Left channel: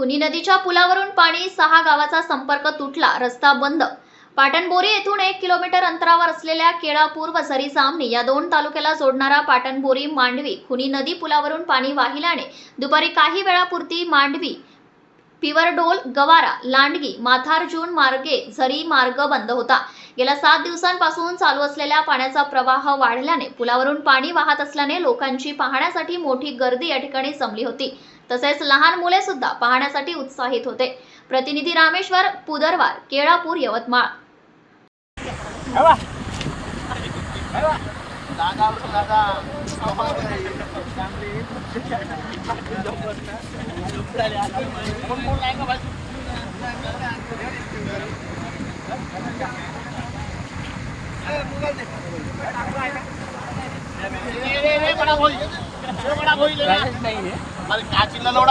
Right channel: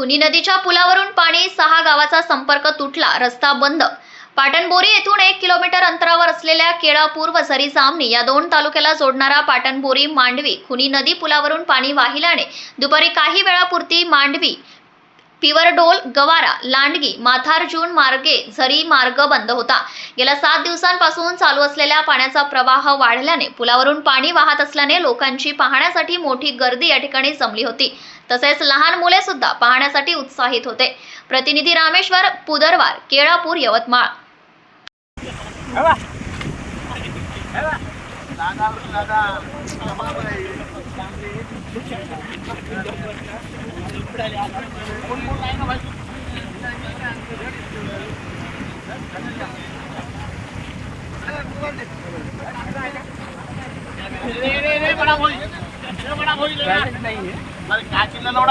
खुनी नदीच्या पुलावरून पाणी सहा गावाचा संपर्क तुटला रस्ता बंद. पाटणबोरी येथून एक किलोमीटर अंतरावर असलेल्या केळापूर व झरी जामणी या दोन तालुक्याला जोडणारा पाटणबोरी मांडवी खुनी नदी पुलावरून पाणी वाहिल्याने दुपारी काही वेळापुरती मांडवी पिवरडोल गवारा लांडगी माथारजून मार्गे झरी मार्ग बंद होता. गेल्या सात दिवसांपासून चालू असलेल्या पाण्याचा प्रवाह वाढल्याने पुलावरून पाणी वाहत असल्याने लोकांची पाहण्यासाठी मोठी गर्दी या ठिकाणी जमली होती. तसेच लहान मुले सुद्धा पाहण्यासाठी उत्साहित होते. प्रतिनिधी रामेश्वर पुदरवार केळापूर यवतमाळ. ಅಲ್ಲಿ ಹೋಗಿಲೇ ಅಲ್ಲ ನೋಡ